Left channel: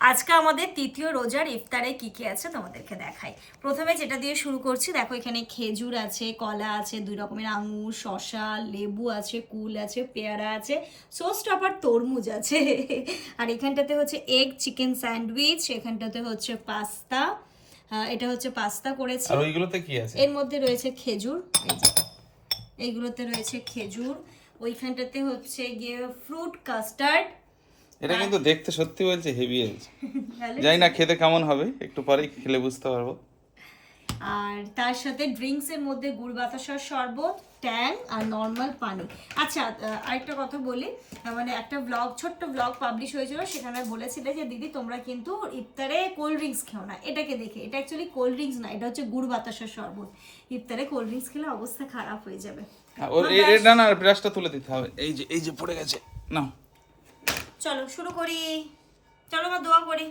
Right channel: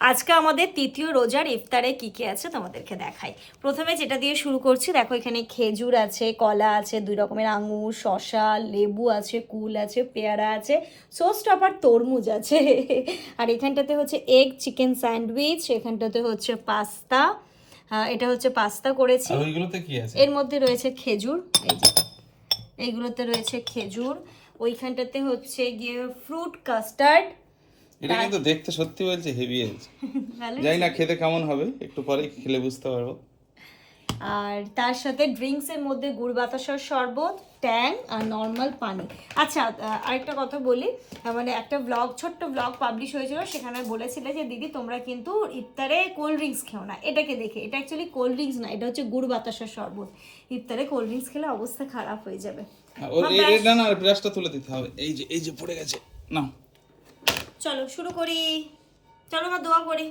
আজকে আমাদের তৃতীয় রোজার ইফতারে কি কি আছে তোমাদেরকে দেখাই। প্রথমে যেটা দিয়ে শুরু করছি, দেখো এখানে খেজুর আছে, কলা আছে, 2 রকমের আঙুর, শসা, লেবু আছে, কুল আছে, পেয়ারা আছে, সোস টপার তরমুজ আছে। আর এখানটাতে হচ্ছে এগ চিকেন স্যান্ডউইচ, এখানটাতে হচ্ছে পাস্তা, এটা হচ্ছে পাস্তা করেছি। আর ওইগুলোতে কি আছে? এর মধ্যে রয়েছে খেজুর, এই যে এইগুলোতে রয়েছে খেজুর। ওইখানটাতে হচ্ছে গিয়ে ফ্রুট কাস্টার্ড। এটা কিন্তু দেখতে সত্যি বলছে হেভি আছে। জানি না খেতে কেমন হবে, একটু পরেই খেলে বুঝতে পারবো। আর তার সাথে ড্রিঙ্কস এর মধ্যে গুড় বাতাসার শরবত, ট্যাং আর নর্মাল পানি। আচ্ছা, আরেকটা কথা বলি, মানে একটা ব্লগ, ছোট্ট ব্লগ পাবলিশ হয়েছিল, সেখানে বলেছিলে যে দিদি তোমরা কিন্তু ইফতারে কোল্ড ড্রিঙ্কস খেও না। এটাকে দেখে, এটা অ্যাকচুয়ালি কোল্ড ড্রিঙ্কস না, এটা হচ্ছে গুড় বাতাসার শরবত। ইফতারে কোল্ড ড্রিঙ্কস খেলে অবস্থা খারাপ হয়ে যাবে। এটা না, ব্রাশটা তুলে দিতে হবে। এই যে পড়ে গেছে। নাও চলো শুরু করি, চলো আমরা দোয়া করি।